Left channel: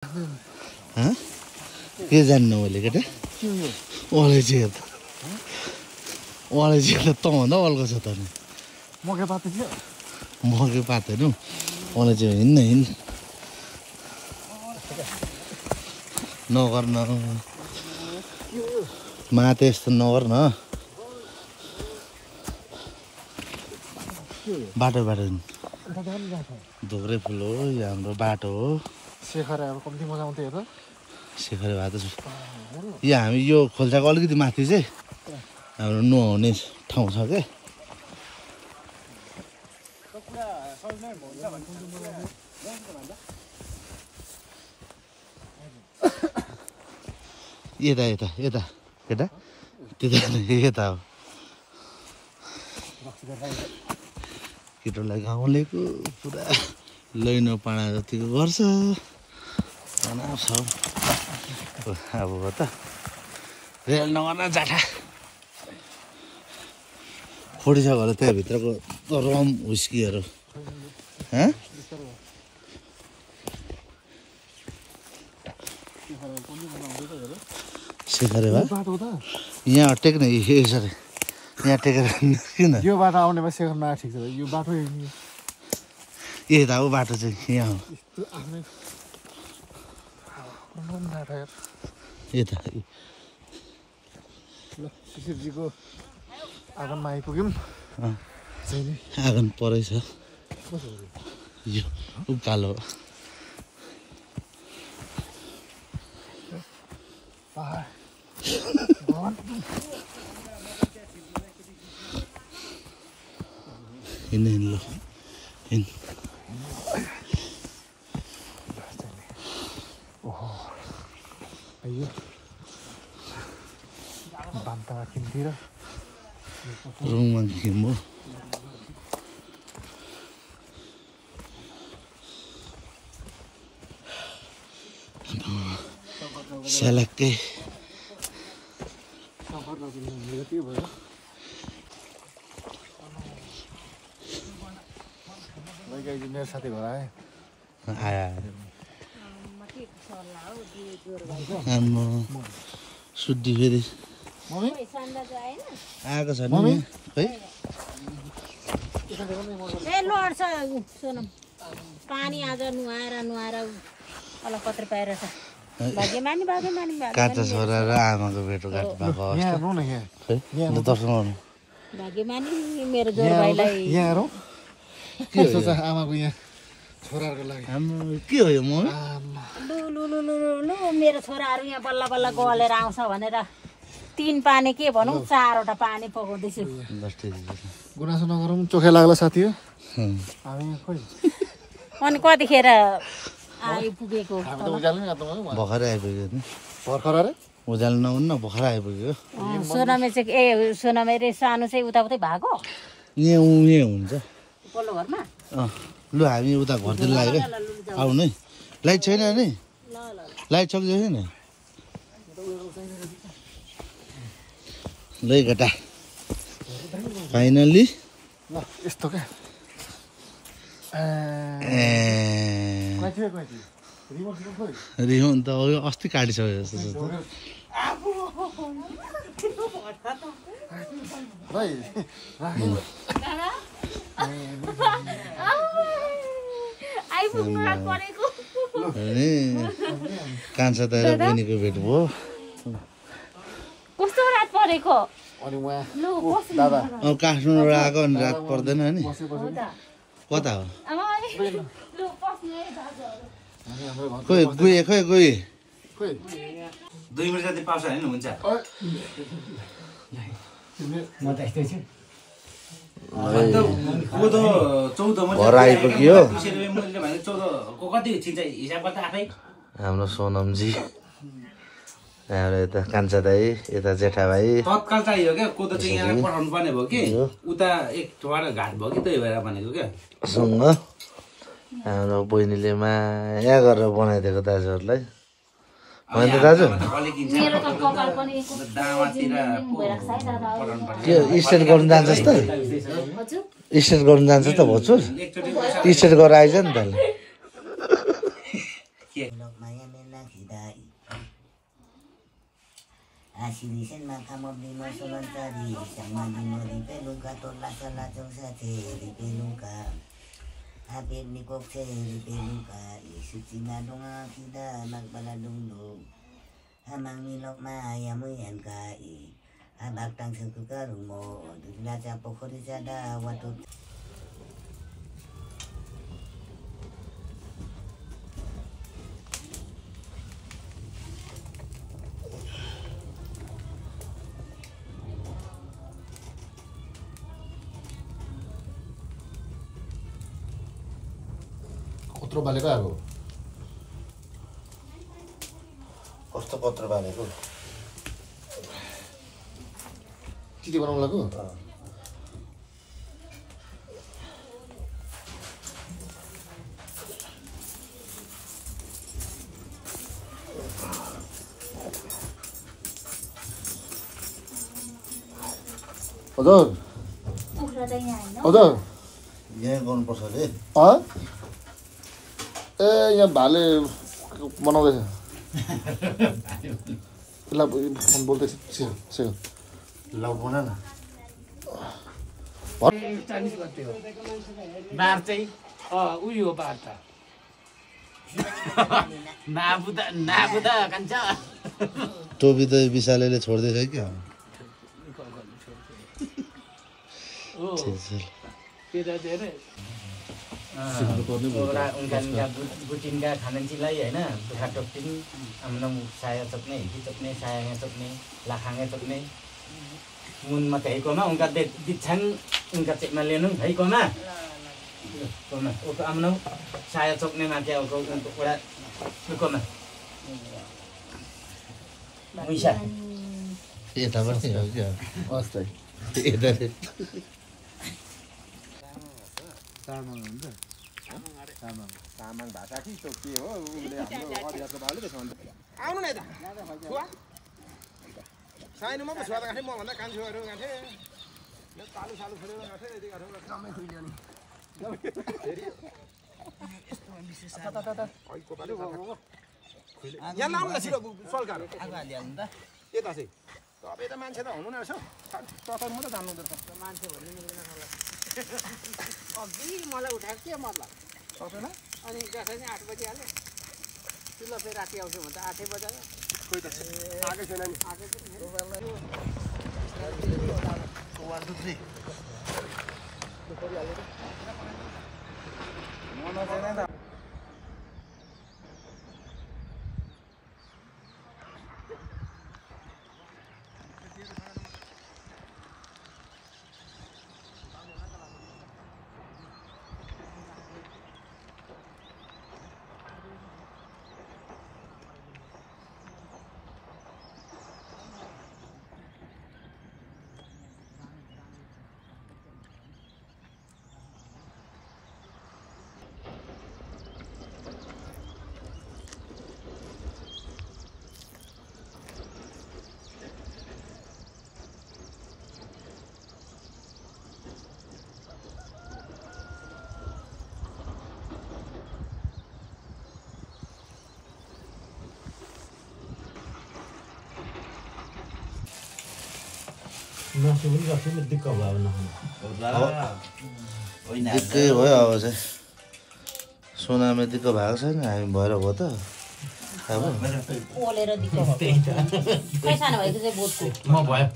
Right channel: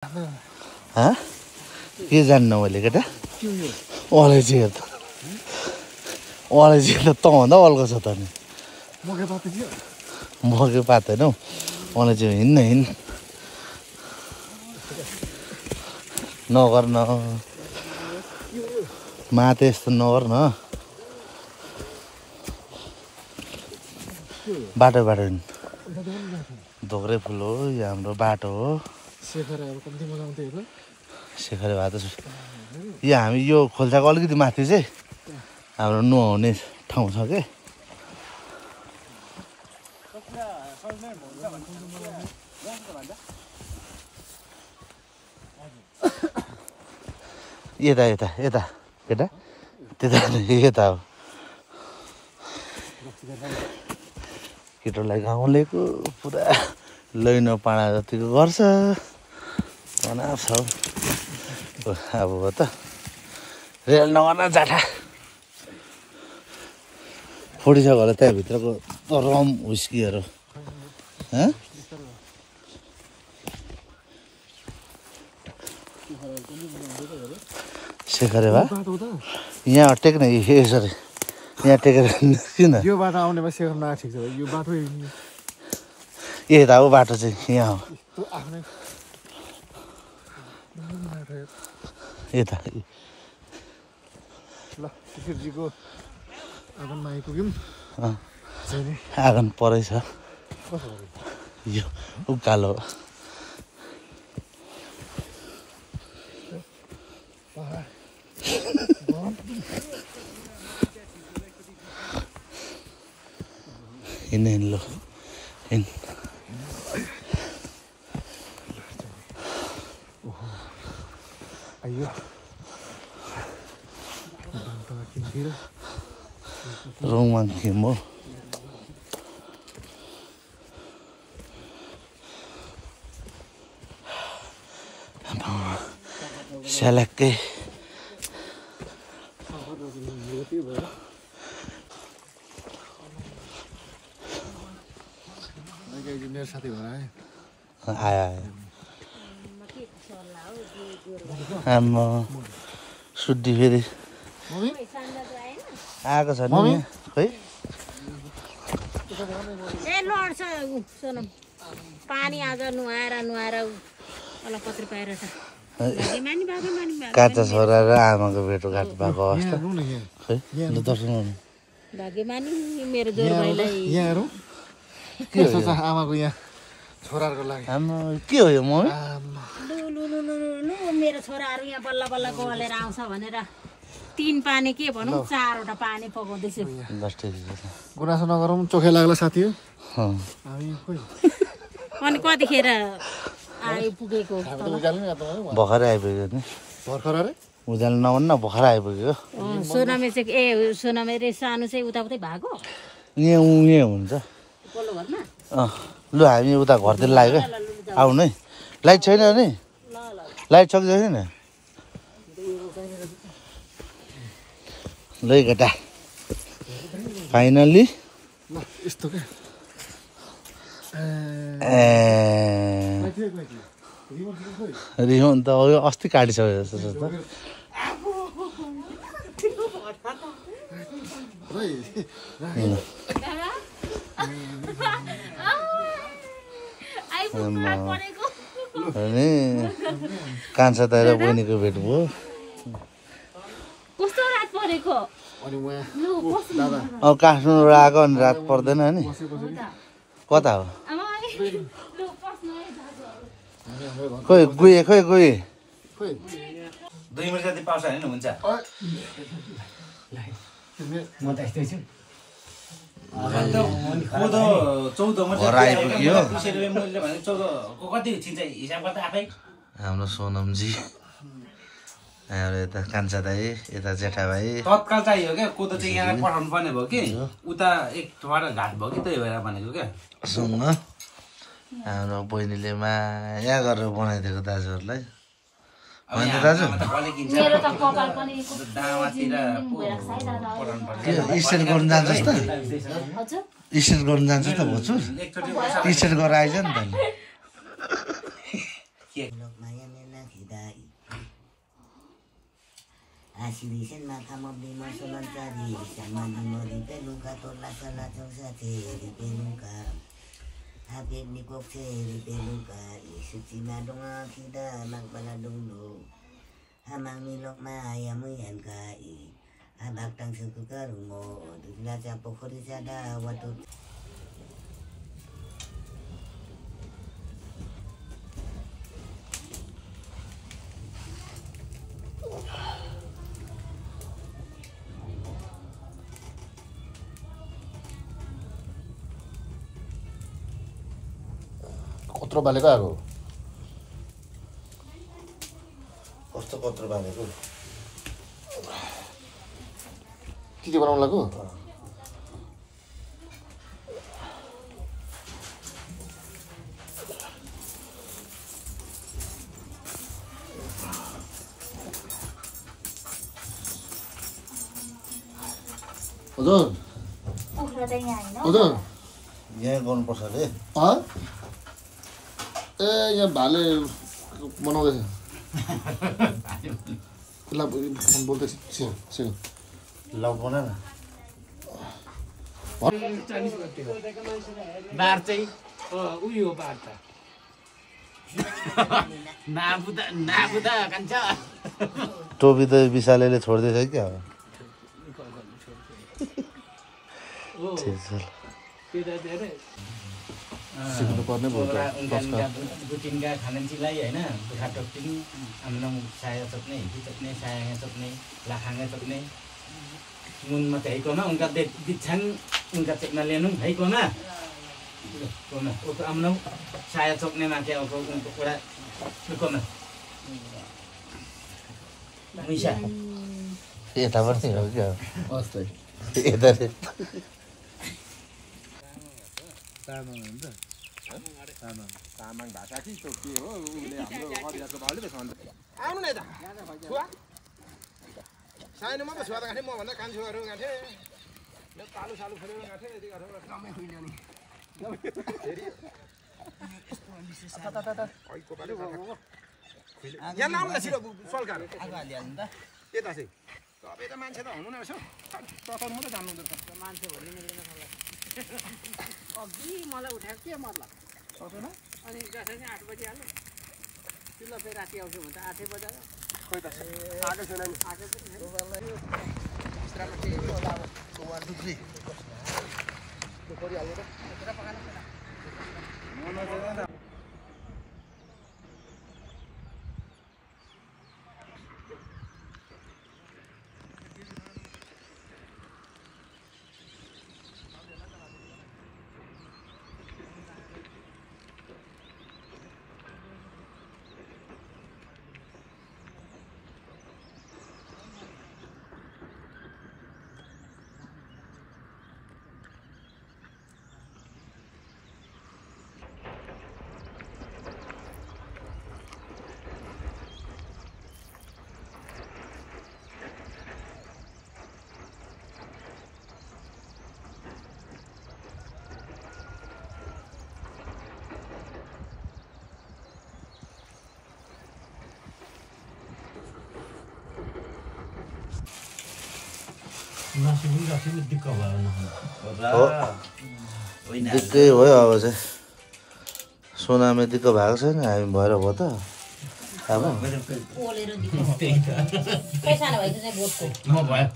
के जान्नु मैले केटा अलैँची हेर अलैँची त तँभन्दा अल्को छ त नि मकै पात थियो मकै पात होइन हौ अलैँची हिँड्न नगर न माते यस्तो नगर न बाटो धोक्रे फुल हो यो हाम्रो बाटो हो शेखर अब कम्ती मजा आउँथ्यो हेर शेखर बाटो यो हामी यो खोल्साको अलिकति माथि चाहिँ हाम्रो नुहाउने ठाउँ छ के यता यता यता केटा त्यता यता हो केटोलाई गाउँलेको पुरा लैनो पाडा जतिको गर्छ होइन सब अब त रेल नगर्न जाठा फुटिसक्यो होला त्यहाँभित्रको रम हुस्कीहरू शेखरे भा यहाँ टेक्ने यसरी यहाँ टेकेर किन यो बाटो आउनेमा शेखर नआए ठिक छ यो बाटो यता हो बाटो चाहिँ यहाँ हो आफ्नै यता ल शिशिरजीको आँगनमा आइपुग्यौँ आँगन परै छ यो उकालो हिँड्ने ल हिँड अयो बान्ता किन्तिर रुममा थियौँ हो स्यालाक्कै मेरो साथी घर आयो आमा सुड्डी फेरि आएको छ नि खै लड्छ सोनम पानी आज नुहाएर अलकत्र पाएर भाग्यमानी काँचा छोरा र आमाको भेटोघाट भएको अवस्था भाग्यमानी मेरो जोर भाइलाई के सोच आमाको यहाँ छोराहरूको लागि के हो यो म लु मेरो छोराहरू यहाँ बल्ल बल्ल गलेर आउँछ भनेर 3 पानी के भनौँ 4वटा पानी पकाउँदैछु गुनासो नगरौँ चोखै लाग्ला साथी हो हामी अनि कतिखेर आइपुगेको भर्खरै आइपुग्यो नि भर्खर अरे उज्यालो नभन्न भर्खर आइपुग्यो सोनामे चाहिँ सोनामे रे सानो चाहिँ उताउतै भएको यहाँ हुन्छ पल्लो घरमा लु हामी उता घरतिर लाग्यो आउनु है लाइट छैन नि लाइट छ कि छैन ल केटा फाइनल्ली यस्तो क्या रिहोन त अस्ति काटिसक्यो जस्तो छ होइन कान्छा दाइ र बहिनीको भेट भयो कस्तो रात परेको अब काठमाडौँ आएको अनि रात पर्दैन नि कता हो खोइ गए खोइ गए 2 मिनट जति पाउँछ होइन हुन्छ म त यस्तै छु घर आइपुग्यो हाम्रो सोनमजी त्यहाँबाट यता कान्छा दाई यता जेठा भाइ तत्काल चाहियो क्या कोदो चाहिँ यहाँ पठाउनु पर्ने भयो कि उता एक ठोर घाट भयो कि त्यही भएर भनेको क्या सँग हाम्रो बहिनीले माया गरेर बनाइदिएको दाजुहरूलाई होइन दाजु त्यो स्टेट गर्नु जान्छस् त स्टेट गर्नु जान्छ त भन्छु स्टेट गरेर आइज नि त के Asilisin makamobli mo sulontari sama di mo di peluka tola sala sa te di peluka habib ni kokse di peluka isuti na donga kita magbaladunglo hamang nilok maya mo yan kai habak tang sukukarung mo dudla sa pokori sada watut कत्रो बालेको अब कस्तो पत्र बालेको के बनाउनु लाग्यो हजुर हजुर यहाँ गर्नुपर्छ अरे ए यहाँ भाले बनाउँदैछ ल बोल्दैछ लाउड बना न बार चाहिँ उयो हो बार त नाबुदा कान्छ टोपी त विशालले छोड्दैछ क्या गुटिनका खानेलाई होइन दुखा टोक्टिङ हाम्रो साया चोक्ने हिटी चोक्ने साया चोक्ने लाखाङ्गे चोक्ने मुन मात्रै हैकोमा उनका बिछाङ उनका चेकमा लिनु हैकोमा कोमा ओको आम्नौ साया चोक्ने माके ओको उनको कुरा कोमा मुइसा यता पनि हो क्या अस्ति यता तामाङ भाषा कि के हो उसले हाम्रो अरियाको भाउले त्यसो भन्छ आउनु न यता छुवा सानो मात्रै छुवा त गाँठे म भन्दा कान्छुहरू गाँठे यो तालु सालु खोलेर गाँठे यति गाँठो जम्मै खुइल्यो नि यहाँ नाम न छिटो सल्काएर यता चाहिँ तपाईँ त मान्छे त हुनु न रहेछ तताउनु मात्रै जान्नु हुँदो रहेछ मान्छे भन्ने मिल्दैन अघि मलाई उठाएको के मतलब सक्दैन अनि जसरी नै 8 बजी हाल्यो चिल्लो फेरि राति आउँछु भने त 8 बजायो खोइ त आएको छैन नि आएको पनि 1 2 3 परिहाल्यो त नजाने दिक्कै भयो अब चाहिँ सोनामा दिक्क भएको छैन हामी भएर भयो त पैसा नभए चाहिँ बोटको म भयो